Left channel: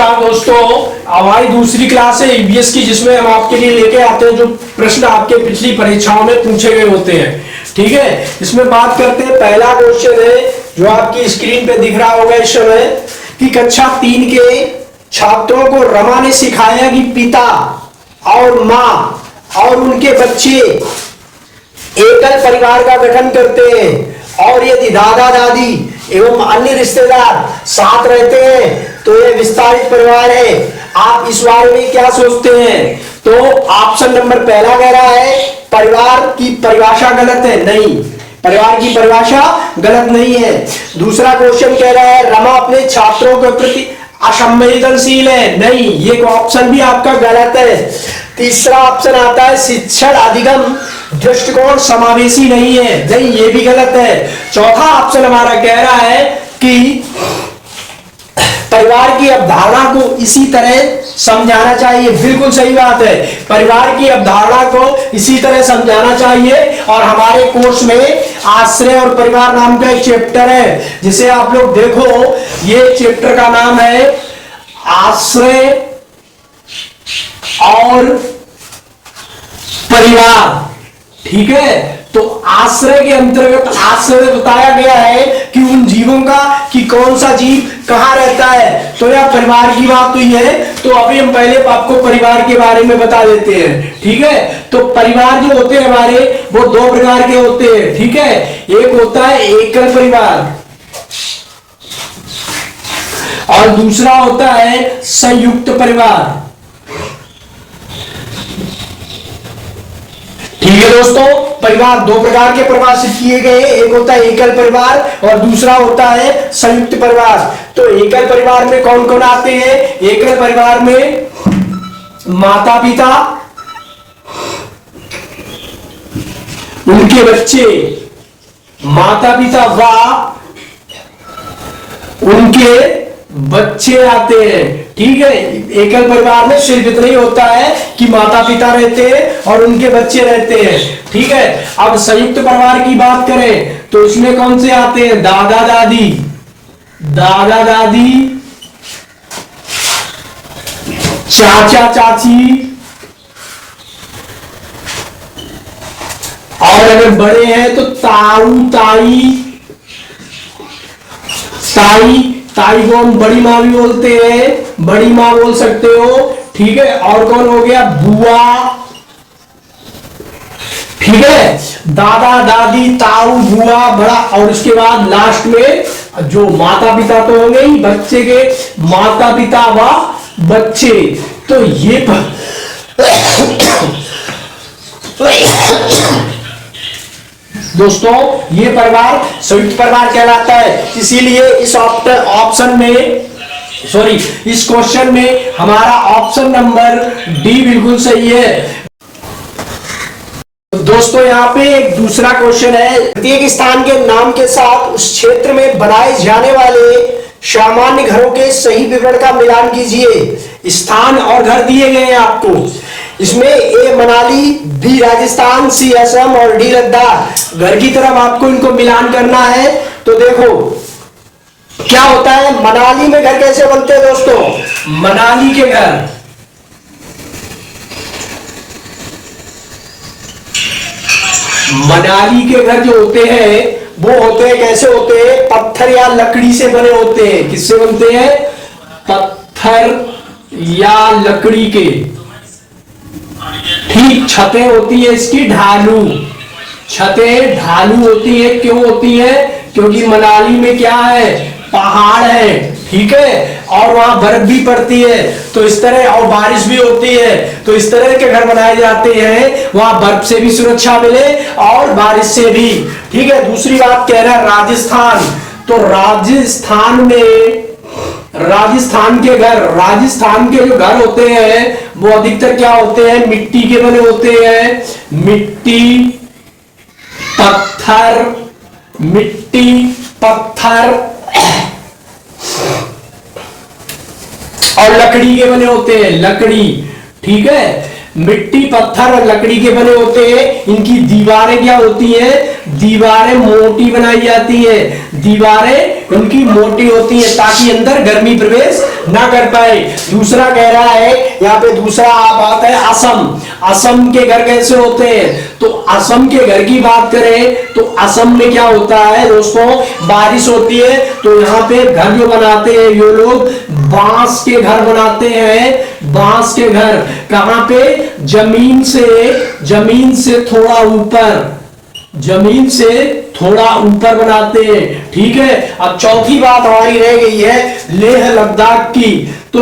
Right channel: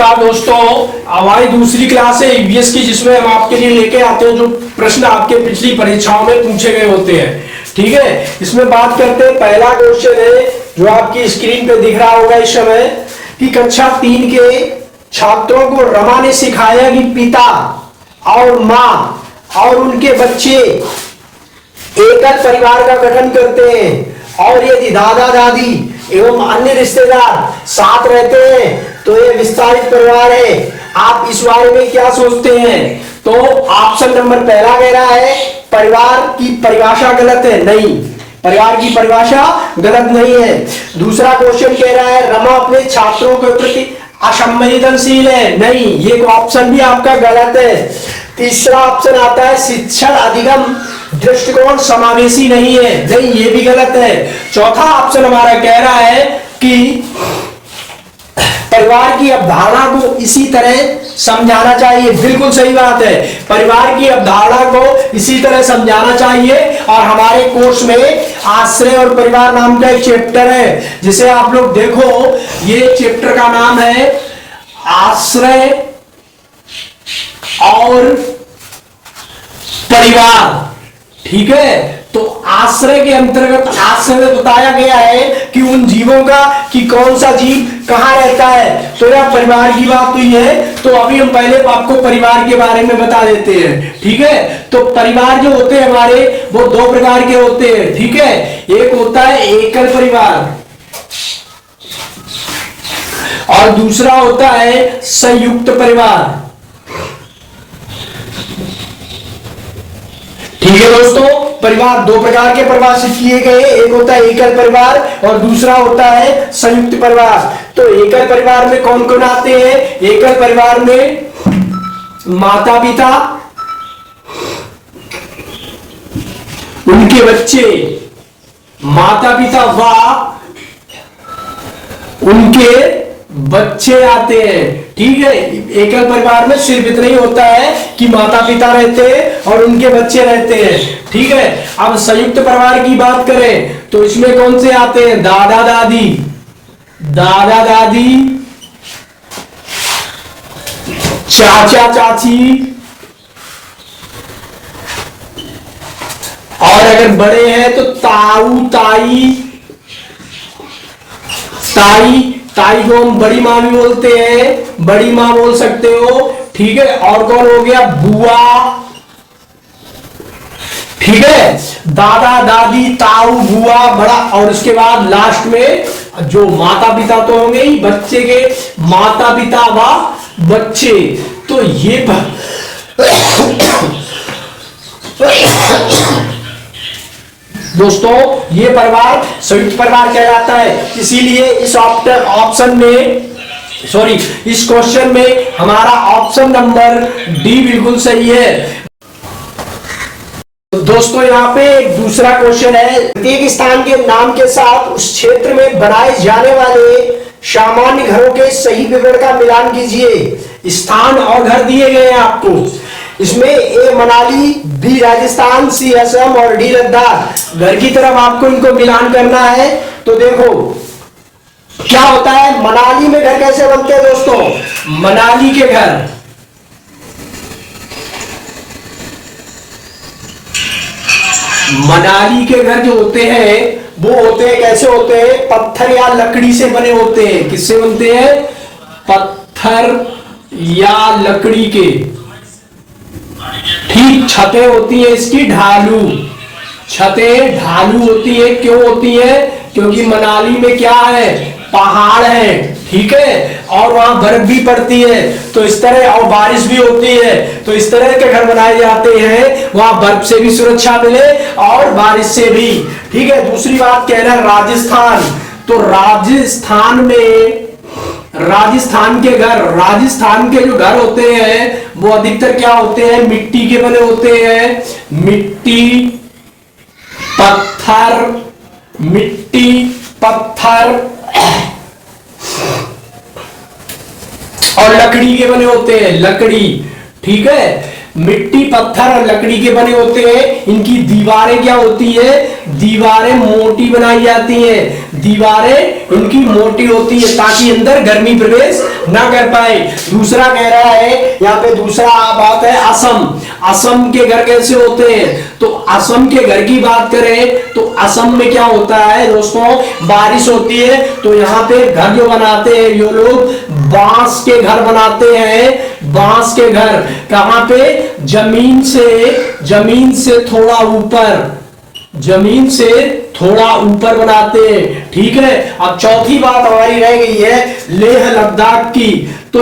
नमस्कार दोस्तों, हमारी दूसरी क्लास है ईवीएस की, जिसमें हम आपके लिए लेके आते हैं जो प्रश्न आपके पिछली परीक्षाओं में पूछे गए होते हैं। ठीक है, इसमें बात करते हैं। पहला क्वेश्चन है जो आपकी स्क्रीन पे दिख रहा होगा इस समय कि कक्षा 3 के छात्रों को रमा ने सिखाया कि पिता और माँ और उनके बच्चे एकल परिवार का गठन करते हैं, और यदि दादा दादी एवं अन्य रिश्तेदार साथ रहते हैं तो यह विस्तारित परिवार है। आप इस बारे में क्या सोचते हैं? तो ऑप्शन नंबर पहला कह रहा है परिवार की परिभाषा गलत है। नहीं, परिवार की परिभाषा गलत नहीं है। दूसरा क्वेश्चन कह रहा है रमा अपने छात्रों के प्रति असंवेदनशील है। नहीं, ये ऑप्शन भी आपका गलत है। तीसरा ऑप्शन आता है शिक्षण अधिगम दृष्टिकोण समावेशी नहीं है। नहीं, ये भी गलत है। चौथा ऑप्शन हमारा कह रहा है कि परिवार की अवधारणा को इसी तरह समझाना चाहिए। बिल्कुल सही बात है, परिवार की अवधारणा को इसी तरह समझाना चाहिए। और हमारे कोर्स में आश्रय और परिवार नाम का एक चैप्टर है, जिसे आप लोग देखो। ये चैप्टर का नाम है आश्रय और परिवार। ठीक है, तो आश्रय के अंतर्गत आश्रय में बताया गया है कि उन जीवों का कि कौन सा जीव कहां रहता है। तो यह परिवार की बात हुई है। तो अभी हम पहले आपको परिवार के बारे में बता देते हैं। ठीक है, तो परिवार जो होते हैं हमारे, वो दो प्रकार के होते हैं। ठीक है, एक होता है एकल परिवार और दूसरा होता है संयुक्त परिवार। ठीक है दोस्तों, परिवार दो प्रकार के परिभाषित किए गए, एक होता है एकल परिवार और दूसरा होता है संयुक्त परिवार। तो एकल परिवार में कौन कौन आते हैं? एकल परिवार में माता पिता, उनके बच्चे, माता पिता व उनके बच्चे आते हैं। ठीक है, एकल परिवार में सिर्फ इतना ही होता है कि माता पिता रहते हैं और उनके बच्चे रहते हैं। ठीक है, अब संयुक्त परिवार की बात करें तो इसमें कौन से आते हैं? दादा दादी, दादा दादी, चाचा चाची, और अगर बड़े हैं तो ताऊ ताई, ताई को हम बड़ी माँ भी बोलते हैं, बड़ी माँ बोल सकते हो। ठीक है, और कौन हो गया? बुआ। ठीक है, दादा दादी, ताऊ, बुआ, बड़ा, और उसके बाद लास्ट में जो माता पिता तो होंगे ही, बच्चे के माता पिता व बच्चे। तो ये दोस्तों ये परिवार संयुक्त परिवार कहलाता है। इसीलिए इस ऑप्शन में इस क्वेश्चन में हमारा ऑप्शन नंबर डी बिल्कुल सही है। दोस्तों यहाँ पे एक दूसरा क्वेश्चन है, प्रत्येक स्थान के नाम के साथ उस क्षेत्र में बनाए जाने वाले सामान्य घरों के सही विवरण का मिलान कीजिए। स्थान और घर दिए गए हैं आपको। इसमें ए मनाली, बी राजस्थान, सी असम और डी लद्दाख। घर की तरफ आपको इनको मिलान करना है। तो देखो क्या होता है, मनाली में घर कैसे बनते हैं दोस्तों? मनाली के घर जो होते हैं वो होते हैं, कैसे होते हैं? पत्थर या लकड़ी से बने होते हैं। किससे बनते हैं? पत्थर या लकड़ी के। ठीक, छतें होती है इसकी ढालू, छतें ढालू होती है। क्यों होती है? क्योंकि मनाली में क्या है? पहाड़ है। ठीक है, और वहां बर्फ भी पड़ती है, तो इस तरह, और बारिश भी होती है, तो इस तरह के घर बनाए जाते हैं वहां बर्फ से भी सुरक्षा मिले और बारिश से भी। ठीक है, दूसरी बात कह रहा है राजस्थान। तो राजस्थान के जो घर होते हैं वो अधिकतर क्या होते हैं? मिट्टी के बने होते हैं। मिट्टी पत्थर और लकड़ी के बने होते हैं, लकड़ी। ठीक है, मिट्टी, पत्थर और लकड़ी के बने होते हैं। इनकी दीवारें क्या होती हैं? दीवारें मोटी बनाई जाती है, दीवारें इनकी मोटी होती है ताकि अंदर गर्मी प्रवेश ना कर पाए। दूसरा कह रहा है यहाँ पे, दूसरा बात है असम। असम के घर कैसे होते हैं? तो असम के घर की बात करें तो असम में क्या होता है दोस्तों, बारिश होती है तो यहाँ पे घर जो बनाते हैं ये लोग बांस के घर बनाते हैं। बांस के घर कहां पे? जमीन से थोड़ा ऊपर, जमीन से थोड़ा ऊपर बनाते हैं। ठीक है। अब चौथी बात हमारी रह गई है लेह लद्दाख की। तो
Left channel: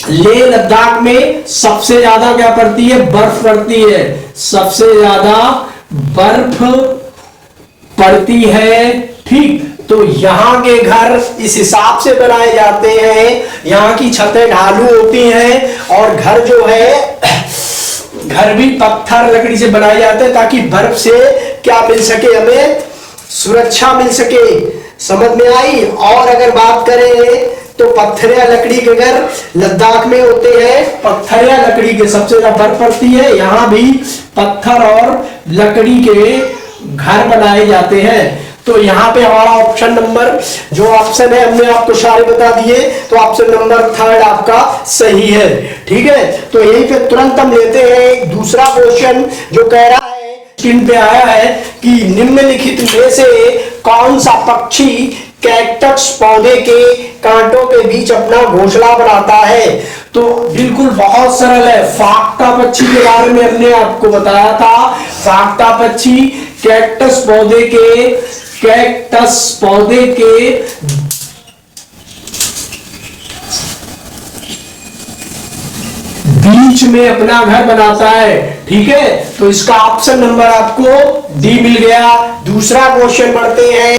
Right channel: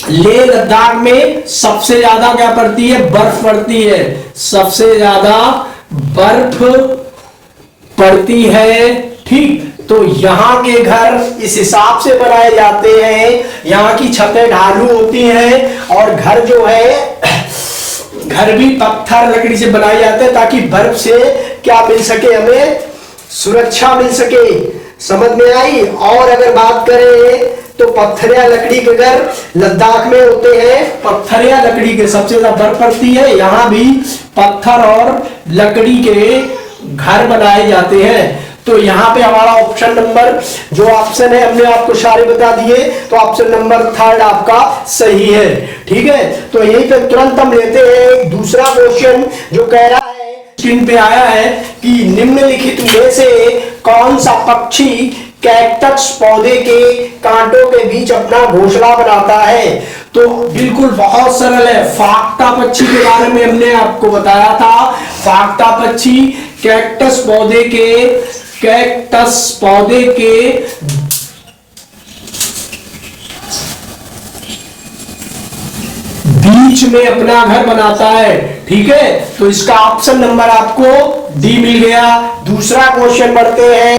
लेह लद्दाख में सबसे ज्यादा क्या पड़ती है? बर्फ पड़ती है, सबसे ज्यादा बर्फ पड़ती है। ठीक, तो यहाँ के घर इस हिसाब से बनाए जाते हैं, यहाँ की छतें ढालू होती हैं और घर जो है घर भी पत्थर लकड़ी से बनाए जाते हैं ताकि बर्फ से क्या मिल सके, हमें सुरक्षा मिल सके। समझ में आई? और अगर बात करें तो पत्थर या लकड़ी के घर लद्दाख में होते हैं, पत्थर या लकड़ी के सबसे ज्यादा बर्फ पड़ती है, यहाँ भी पत्थर और लकड़ी के घर बनाए जाते हैं। तो यहाँ पे हमारा ऑप्शन नंबर जो ऑप्शन है हमने आपको सारे बता दिए, तो ऑप्शन नंबर 3 आपका सही है। ठीक है, तो यहीं पे तुरंत हम लेते हैं एक दूसरा क्वेश्चन जो कह रहा है, स्क्रीन पे आया है कि निम्नलिखित में से कौन सा पक्षी कैक्टस पौधे के कांटों के बीच अपना घोंसला बनाता है? तो बिल्कुल बहुत सरल है। फाक्टा पक्षी के बारे में हमने आपको बताया था। फाक्टा पक्षी कैक्टस पौधे के बीच में अपना घर बनाता है। ठीक है, तो इसका ऑप्शन नंबर आपको डी मिल गया। दूसरा क्वेश्चन पढ़ते हैं।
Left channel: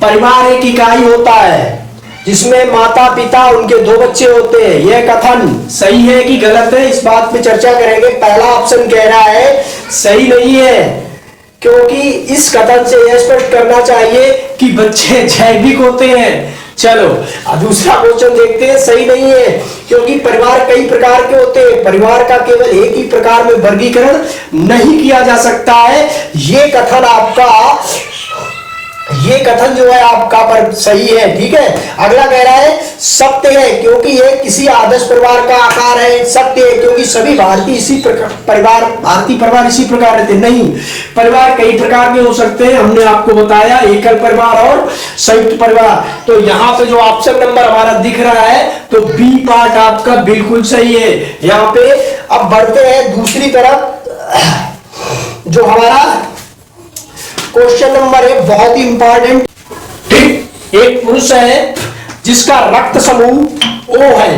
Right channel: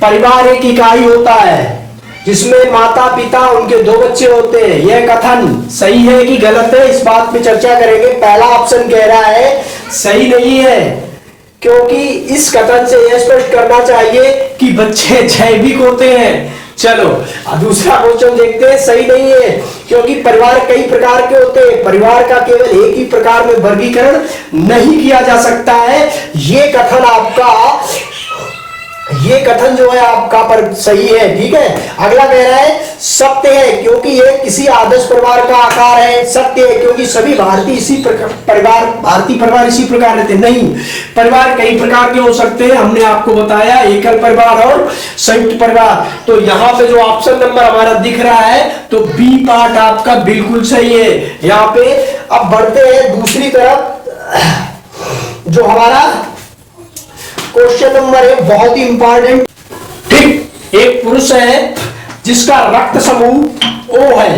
परिवार एक इकाई होता है जिसमें माता पिता उनके 2 बच्चे होते हैं। यह कथन सही है कि गलत है, इस बात पे चर्चा करेंगे। पहला ऑप्शन कह रहा है सही नहीं है, क्योंकि इस कथन से यह स्पष्ट करना चाहिए कि बच्चे जैविक होते हैं। चलो दूसरा क्वेश्चन देखते हैं। सही नहीं है क्योंकि परिवार कई प्रकार के होते हैं, परिवार का केवल एक ही प्रकार में वर्गीकरण नहीं किया जा सकता है। ये कथन जो है आपका पर सही है। ठीक है, अगला कह रहा है सत्य है क्योंकि ये किसी आदर्श परिवार का आकार है। सत्य है क्योंकि सभी भारतीय परिवार इसी प्रकार रहते। नहीं, परिवार कई प्रकार के हो सकते हैं, हमने आपको बताया एकल परिवार और संयुक्त परिवार। तो यहाँ पे जो ऑप्शन नंबर हमारा दिख रहा है तो बी पार्ट आपका बिल्कुल सही है। यहाँ पे अब बढ़ते हैं दूसरी तरफ। जो हमारा क्वेश्चन नंबर है बहुत ही इंपॉर्टेंट। ठीक, एक पुरुष है जिसका रक्त समूह O है,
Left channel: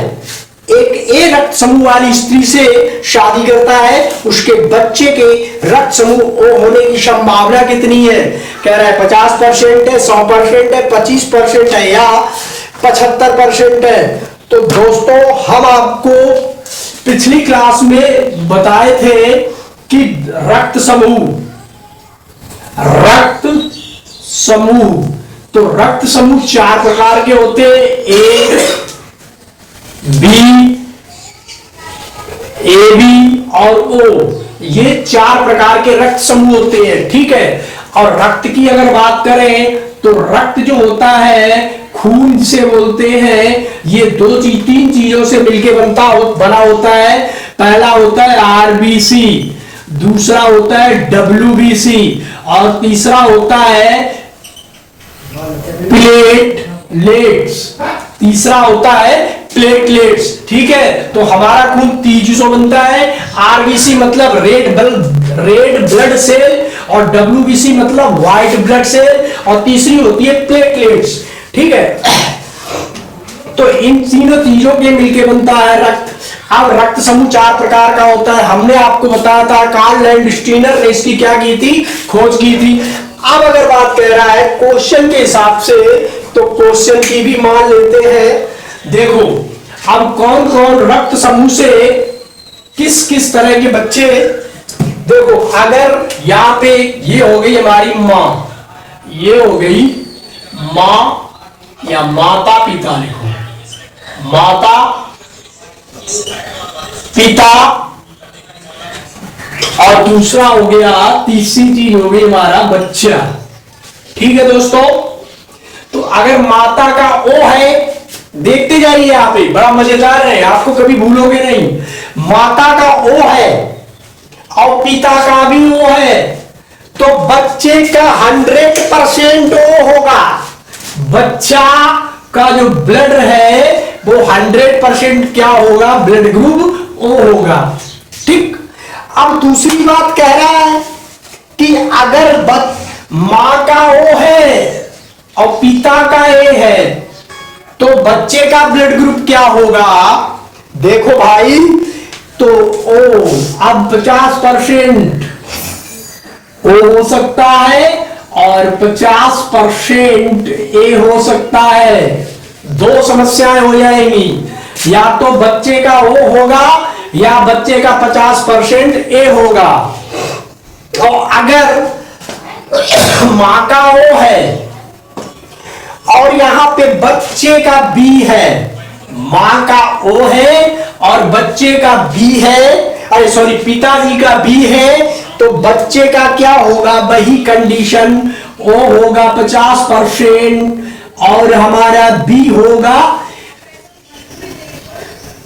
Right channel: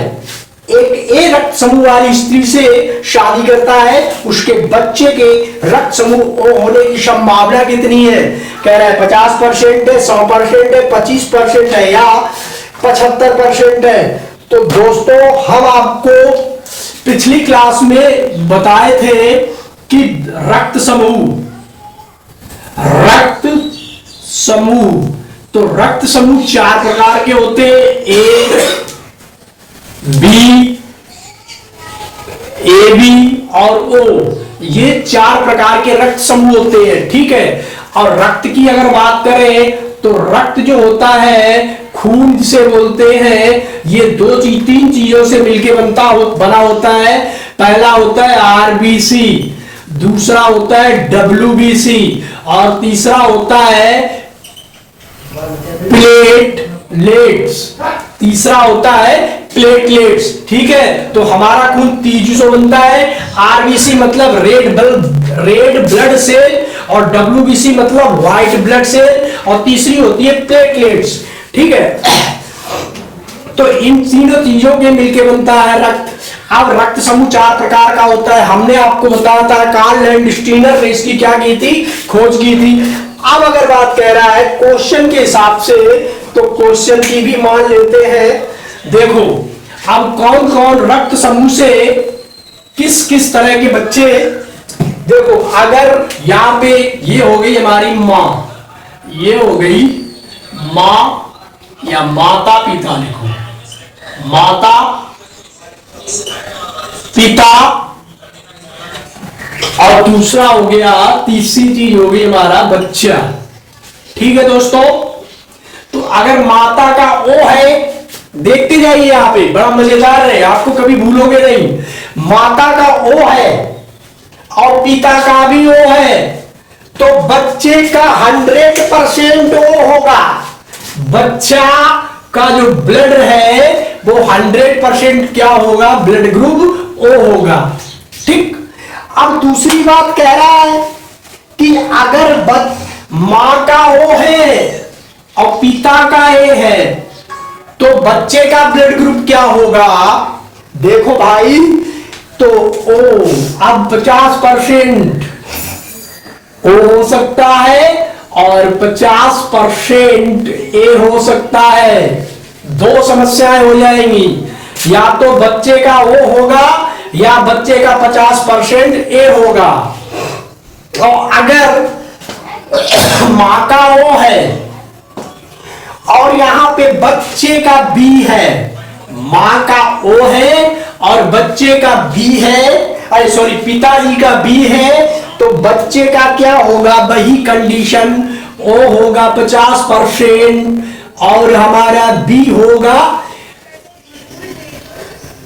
एक ए रक्त समूह वाली स्त्री से शादी करता है, उसके बच्चे के रक्त समूह O होने की संभावना कितनी है? कह रहा है 50% है, 100% है, 25% है या 75% है। तो दोस्तों हम आपको पिछली क्लास में बताए थे कि रक्त समूह तो रक्त समूह 4 प्रकार के होते हैं। ए बी और ओ, ये 4 प्रकार के रक्त समूह होते हैं। ठीक है, और रक्त की अगर बात करें तो रक्त जो होता है खून से बोलते हैं, ये 3 चीजों से मिलकर बना होता है। पहला होता है आरबीसी, दूसरा होता है डब्ल्यूबीसी और तीसरा होता है प्लेटलेट्स। ठीक है, तो हमारा खून 3 चीजों बनता है। आरबीसी मतलब रेड ब्लड सेल और डब्ल्यूबीसी मतलब व्हाइट ब्लड सेल और तीसरी होती है प्लेटलेट्स। ठीक है, तो इन तीनों चीजों के मिलकर बनता है रक्त। अब रक्त समूह 4 प्रकार का होता है, हमने आपको बताया था। कार्ल लैंडस्टीनर ने इसकी क्या की थी? खोज की थी। अब अगर बात कह रहा है क्वेश्चन के हिसाब से, तो क्वेश्चन की भी मान लेते हैं। देखो अब कौन कौन रक्त समूह से किस किस तरह के बच्चे। देखो अगर यहां पे ये हो गई हमारी मां, ये हो गई मां या माता पिता, लिखो माता पिता, और दूसरा हो गया, तीसरी चीज हो गई हमारा बच्चा। ठीक है दोस्तों, तो अगर माता का ओ है, देखते जाइए यहां पे, बड़ा मजेदार है, आपको कभी भूलोगे नहीं। माता का ओ है और पिता का भी ओ है, तो बच्चे का 100% ओ होगा। बच्चा का जो ब्लड है वो 100% क्या होगा, ब्लड ग्रुप ओ होगा। ठीक, अब दूसरी बात कह रहा है कि अगर मां का ओ है और पिता का ए है, तो बच्चे का ब्लड ग्रुप क्या होगा। देखो भाई, तो ओ अब 50% ओ हो सकता है और 50% ए हो सकता है। दो समस्याएं हो जाएंगी, या तो बच्चे का ओ होगा या बच्चे का 50% ए होगा। और अगर मां का ओ है और यहां पे बच्चे का बी है, मां का ओ है और बच्चे का बी है, अरे सॉरी पिताजी का बी है, तो बच्चे का क्या होगा, वही कंडीशन, ओ होगा 50% और हमारा बी होगा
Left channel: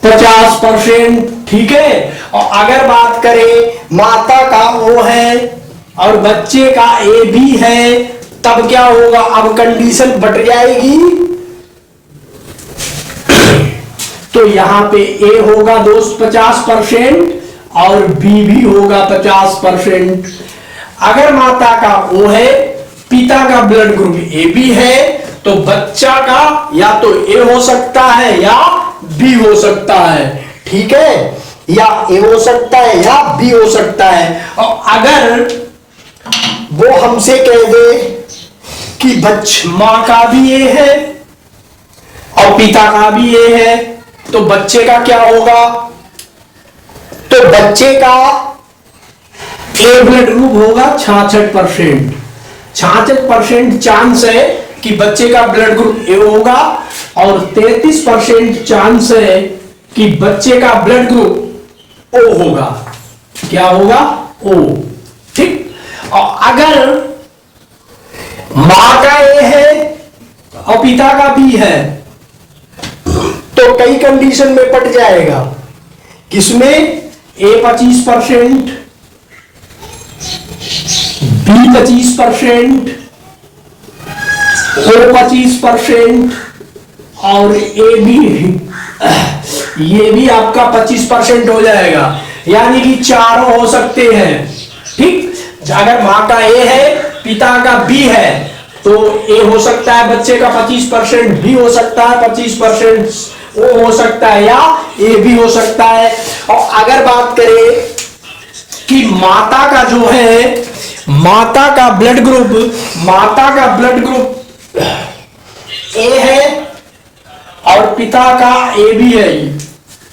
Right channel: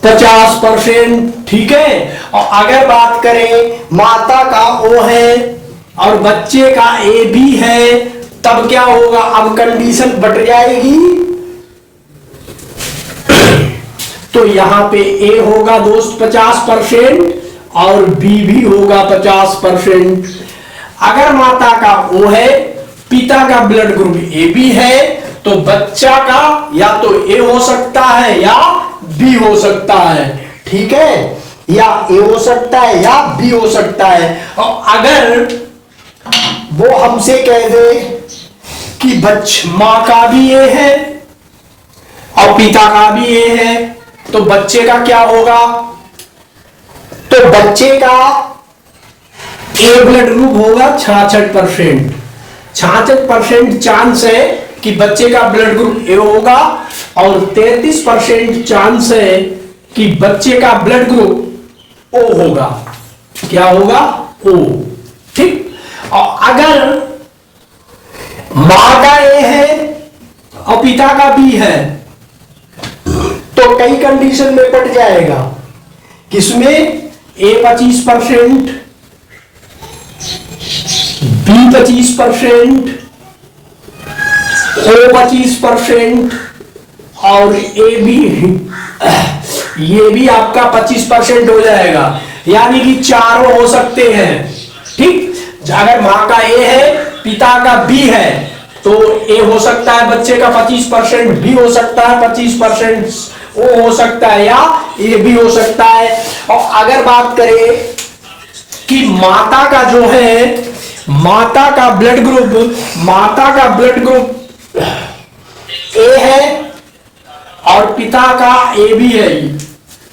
50%। ठीक है, और अगर बात करें माता का ओ है और बच्चे का ए बी है, तब क्या होगा, अब कंडीशन बट जाएगी। तो यहां पे ए होगा दोस्त 50% और बी भी होगा 50%। अगर माता का ओ है, पिता का ब्लड ग्रुप ए बी है, तो बच्चा का या तो ए हो सकता है या बी हो सकता है। ठीक है, या ए हो सकता है या बी हो सकता है। और अगर वो हमसे कह दे कि मां का भी ए है और पिता का भी ए है, तो बच्चे का क्या होगा, तो बच्चे का ए ब्लड ग्रुप होगा 66%। 66% चांस है कि बच्चे का ब्लड ग्रुप ए होगा और 33% चांस है कि बच्चे का ब्लड ग्रुप ओ होगा। क्या होगा, ओ। ठीक, और अगर मां का ए है और पिता का बी है, तो कई कंडीशन में पट जाएगा। किसमें, ए 25%, बी 25%, ओ 25% और ए बी, ये भी आपका 25% हो जाएगा, यानी कि चारों हो सकते हैं। ठीक, अगर मां का ए है, पिता का बी है, तो ए हो सकता है बच्चे का 25%, बी हो सकता है 25%, ओ हो सकता है या ए भी हो सकता है। और अगर बात करें कि माता का जो है, माता का ब्लड ग्रुप ए है और पिता का ए भी है।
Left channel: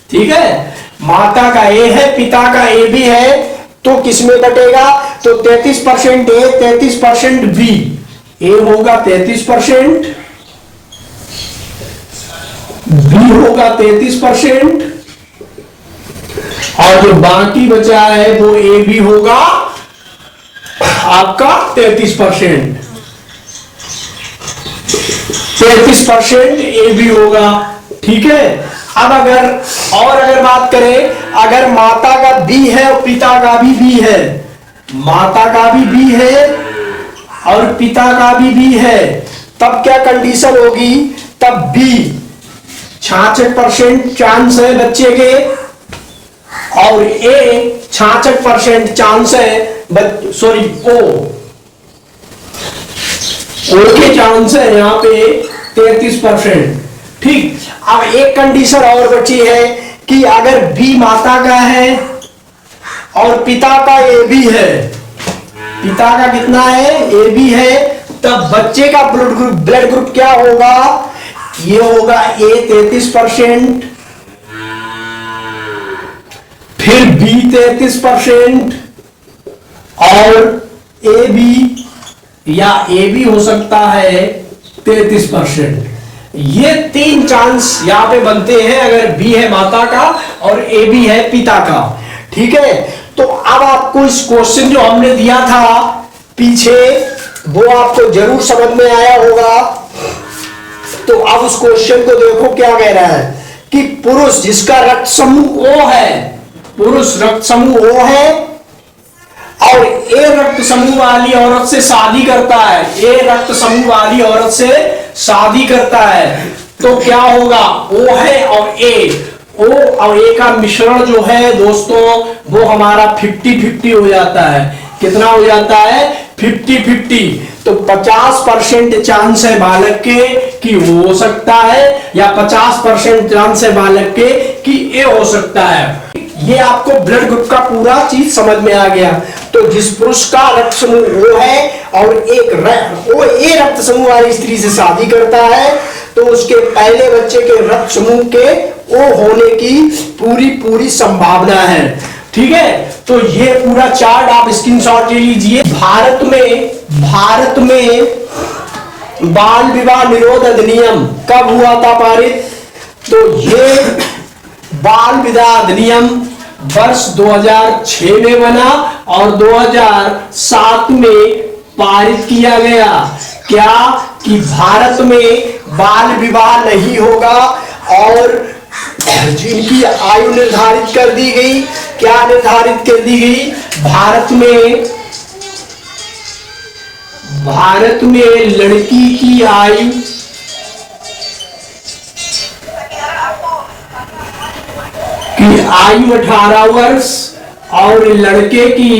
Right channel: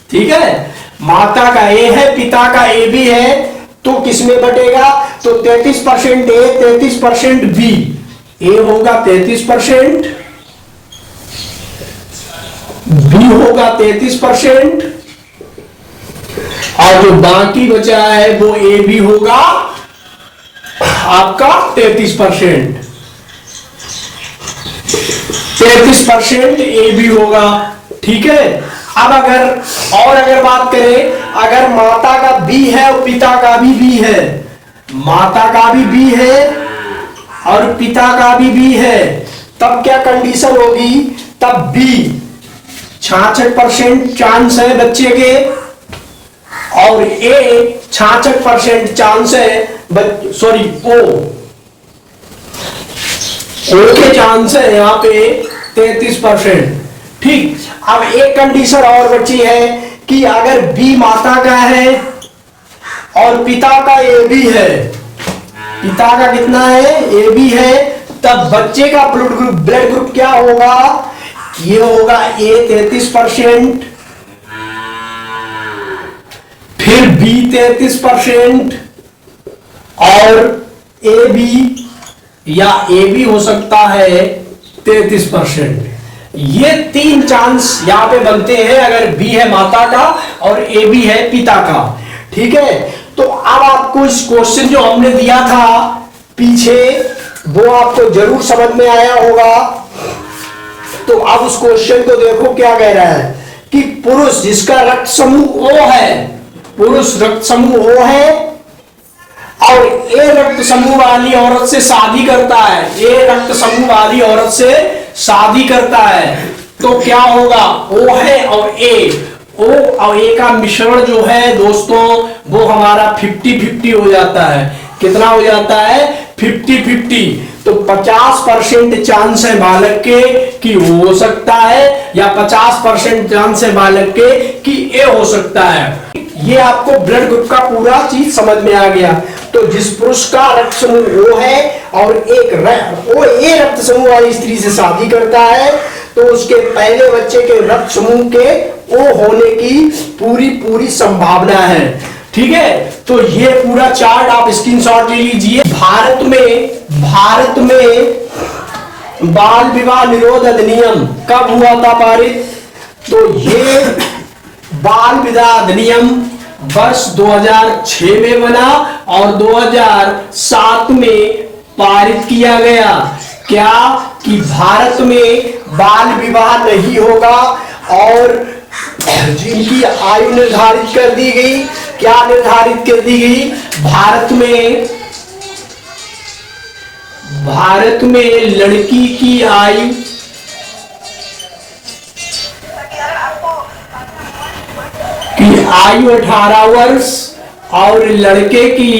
ठीक है, माता का ए है, पिता का ए भी है, तो किसमें बटेगा, तो 33% ए 33% बी। ए होगा 33%, बी होगा 33% और जो बाकी बचा है वो ए बी होगा आपका 33%। 33% ए बी होगा। ठीक है, अब अगर बात करें, अगर माता का बी है और पिता का भी बी है, माता का भी बी है और पिता का भी बी है, तब क्या कंडीशन होगी, तब बी 66% चांस है बच्चे के और ए 66% चांस है, सॉरी ओ के चांस है यहां पे 33%। ठीक, अब एक कंडीशन और बची है कि अगर बी माता का है और पिता का ए बी है, पिता का कितना है, ए बी है, तब बच्चे का ब्लड ग्रुप क्या होगा, ये होगा ए 33%, फिर बी 33% और ए बी या ए बी हो सकता है 33%। ये तीन चांस यहां पे बनते हैं अगर बी है माता का और ए बी है पिता का। ठीक है, तो अब आपको इस क्वेश्चन जो हमने दिया था पीछे वो आपको जरूर समझ में आया होगा। तो अब उस क्वेश्चन को देखो क्या कह रहा है कि पुरुष जिसका रक्त समूह O है, पुरुष रक्त समूह O है और ए रक्त समूह वाली औरत से शादी करता है, ए रक्त समूह वाली औरत से शादी करता है, तो क्या होगा? O है और A, O और A का मिश्रण जो है दोस्तों वो हमारा 50-50 हो जाता है। कितना हो जाता है? 50-50। तो 50% चांस है बालक के कि हो सकता है या 50% चांस है बालक के कि ए हो सकता है। ये आपको ब्लड ग्रुप का पूरा चीज समझ में आ गया। तो जिस पुरुष का रक्त समूह O है और वो ए रक्त समूह वाली स्त्री से शादी करता है तो उसके पहले बच्चे के रक्त समूह के O होने की पूरी संभावना है। ठीक है, तो ये पूरा चार्ट आप स्क्रीनशॉट ले लीजिए। भारत में बाल विवाह निरोध अधिनियम कब हुआ था पारित? तो ये बाल विवाह अधिनियम वर्ष 2006 में बना और 2007 में पारित किया गया। क्या कि भारत में बाल विवाह नहीं होगा और जिनकी आयु निर्धारित कर दी गई, क्या निर्धारित कर दी गई? भारत में लड़की की आयु की आयु 18 वर्ष और लड़के की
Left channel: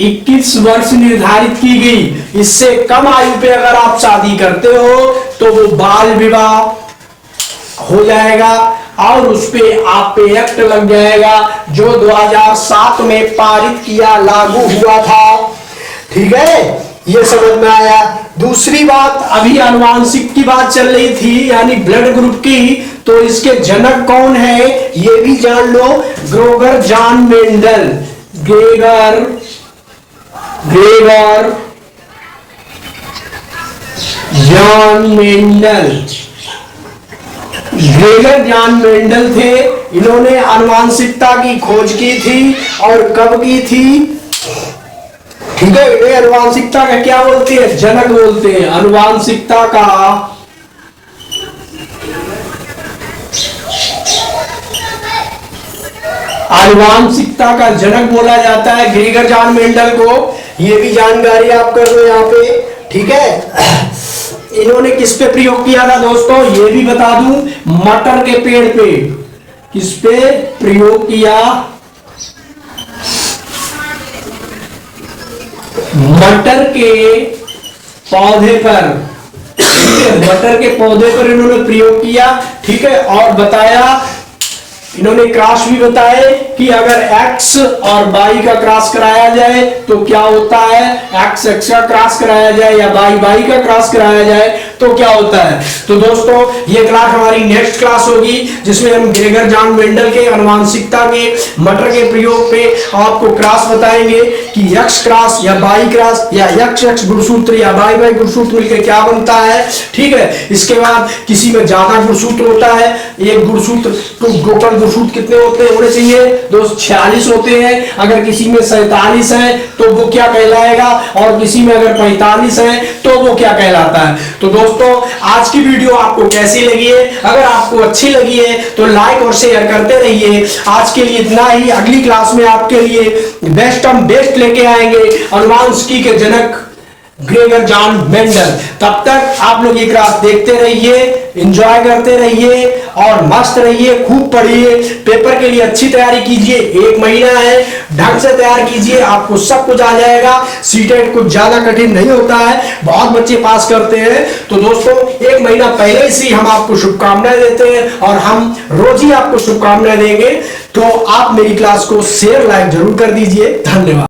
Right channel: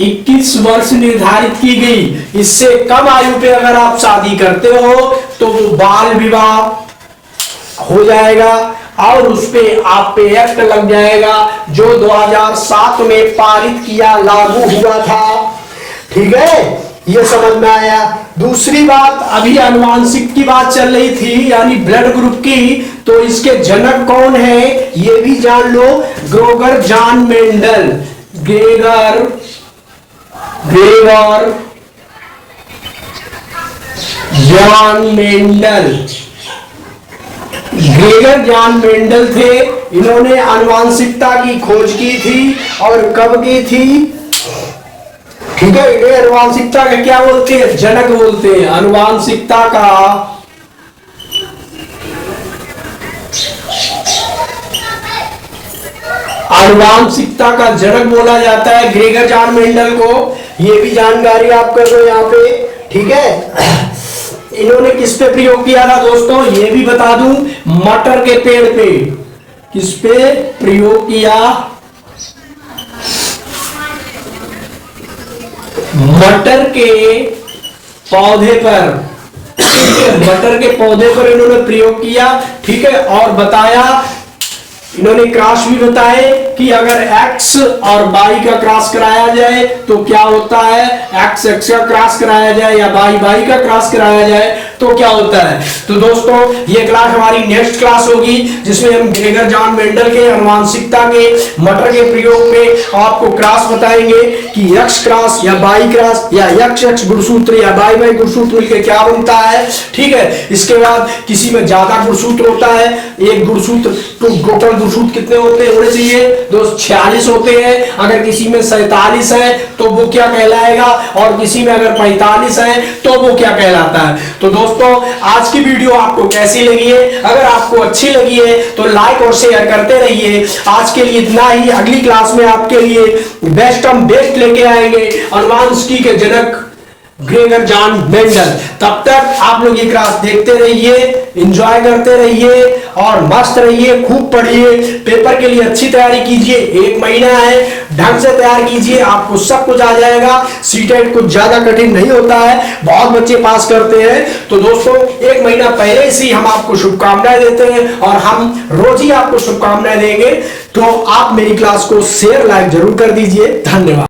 21 वर्ष निर्धारित की गई। इससे कम आयु पे अगर आप शादी करते हो तो वो बाल विवाह हो जाएगा और उस पे आप पे एक्ट लग जाएगा जो 2007 में पारित किया लागू हुआ था। ठीक है, ये समझ में आया। दूसरी बात, अभी आनुवांशिक की बात चल रही थी यानी ब्लड ग्रुप की, तो इसके जनक कौन है ये भी जान लो। Gregor John Mendel, Gregor John Mendel, Gregor John Mendel थे। इन्होंने आनुवांशिकता की खोज की थी और कब की थी? ठीक है, इन्हें आनुवांशिकता का क्या बोलते हैं? जनक बोलते हैं। आनुवांशिकता का जनक बोला जाता है ग्रेगर जॉन मेंडल को। ये भी जानकारी आप कर लो यहाँ पे। ठीक है, इन्होंने किस पे प्रयोग किया था दोस्तों ये भी बता दूं, मटर के पेड़ पे। किस पे प्रयोग किया? मटर के पौधे पर। मटर के पौधे पर इन्होंने प्रयोग किया। ठीक है, और बताया, इन्होंने क्रॉस भी बताए कि अगर x और y का क्रॉस कराया जाए तो क्या होता है, x का क्रॉस कराया जाए या y का क्रॉस कराया जाए तो क्या होता है। तो दोस्तों ये क्लास हमारी नेक्स्ट क्लास होगी जिसमें हम ग्रेगर जॉन मेंडल के आनुवांशिकता के मटर के प्रयोग पे आपको क्रॉस बताएंगे कि x क्रॉस या y क्रॉस या x गुणसूत्र या y गुणसूत्र मिलकर क्या बनता है। ठीक है, इसके बाद किसी में ज्यादा गुणसूत्र होता है, एक गुणसूत्र तो टोटल गुणसूत्र कितने होते हैं होने चाहिए दोस्त? 46 होते हैं। अगर किसी में 47 है तो वो क्या कहलाएगा और किसी में अगर 45 है तो वो क्या कहलाता है। तो दोस्तों आज की वीडियो आपको कैसी लगी है? अगर आपको अच्छी लगी है तो लाइक और शेयर करते रहिए। आज के लिए इतना ही। अगली क्लास में आपके लिए बेस्ट लेके आएंगे आनुवांशिकी के जनक ग्रेगर जॉन मेंडल। तब तक आप लोग ये क्लास देखते रहिए, एंजॉय करते रहिए और मस्त रहिए, खूब पढ़िए, पेपर के लिए अच्छी तैयारी कीजिए। 1 महीना है, ढंग से तैयार कीजिए, आपको सब कुछ आ जाएगा। सीटेट कुछ ज्यादा कठिन नहीं होता है, बहुत बच्चे पास करते हैं। तो दोस्तों 1 महीना पहले से हम आपको शुभकामनाएं देते हैं और हम रोज ही आपको शुभकामनाएं देंगे। तो आप मेरी क्लास को शेयर लाइक जरूर कर दीजिए। धन्यवाद।